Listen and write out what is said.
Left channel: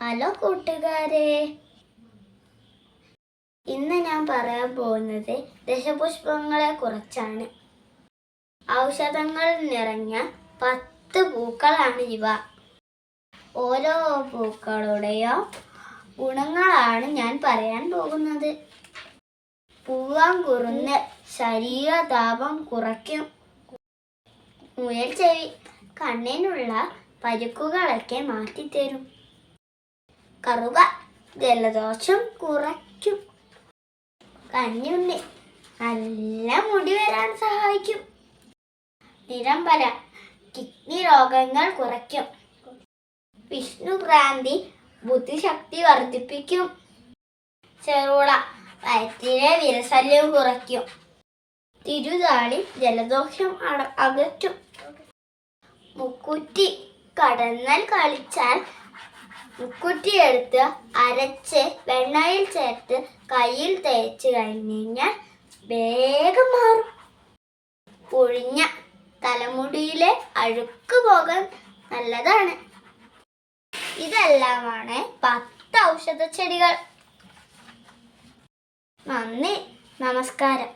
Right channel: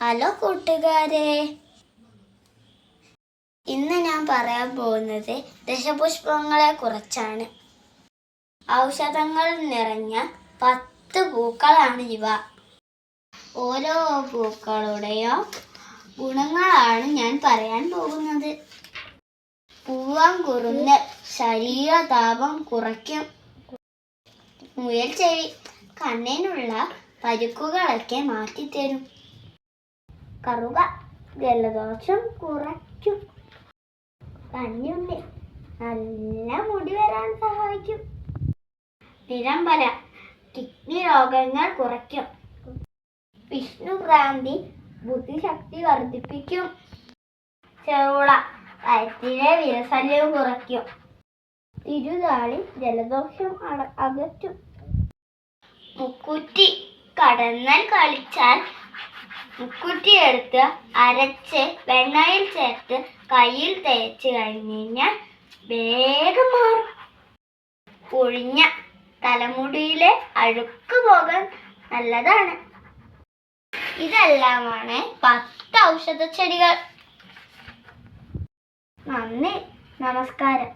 Hello കൂട്ടുകാരെ, ഇന്ന് ഞാൻ പറയാൻ പോകുന്നത് ദശപുഷ്പങ്ങളെ കുറിച്ചാണ്. ഔഷധങ്ങൾ നിറഞ്ഞ 10 പൂക്കളാണ് ഇവ. ഓരോ പൂക്കളുടെയും ഗുണങ്ങളാണ് ഞാൻ പറയാൻ പോകുന്നത്. പൂവാങ്കുറുന്ന് ശരീരതാപം കുറയ്ക്കും. മുയൽ ചെവി കണ്ണിനുള്ള പരുക്കുകളൊക്കെ മാറ്റിത്തരും. കറുക ജലദോഷം കുറയ്ക്കും. കഞ്ഞുണ്ണി നല്ല മുടി വരാൻ സഹായിക്കും. നിരമ്പല കിഡ്നി രോഗങ്ങൾ കുറയ്ക്കും. വിഷ്ണുഭ്രാന്തി ബുദ്ധിശക്തി വർദ്ധിപ്പിക്കും. ചെറുള വയറ്റിലെ വിരശല്യം കുറയ്ക്കും. തിരുതാളി ജലദോഷം അകറ്റും. മുക്കുറ്റി കടന്നൽ കളിച്ചാൽ മുക്കുറ്റി എടുത്ത് അരച്ച് വെണ്ണയിൽ ചേർത്ത് കയ്യിൽ തേച്ച് കഴിഞ്ഞാൽ വേഗം മാറും. പൊഴിഞ്ഞ തലമുടിയിലെ അഴുക്ക് പോകാൻ നല്ലതാണ്. ഇതെല്ലാമാണ് 10 ഔഷധ ചെടികൾ. നന്ദി, നമസ്കാരം.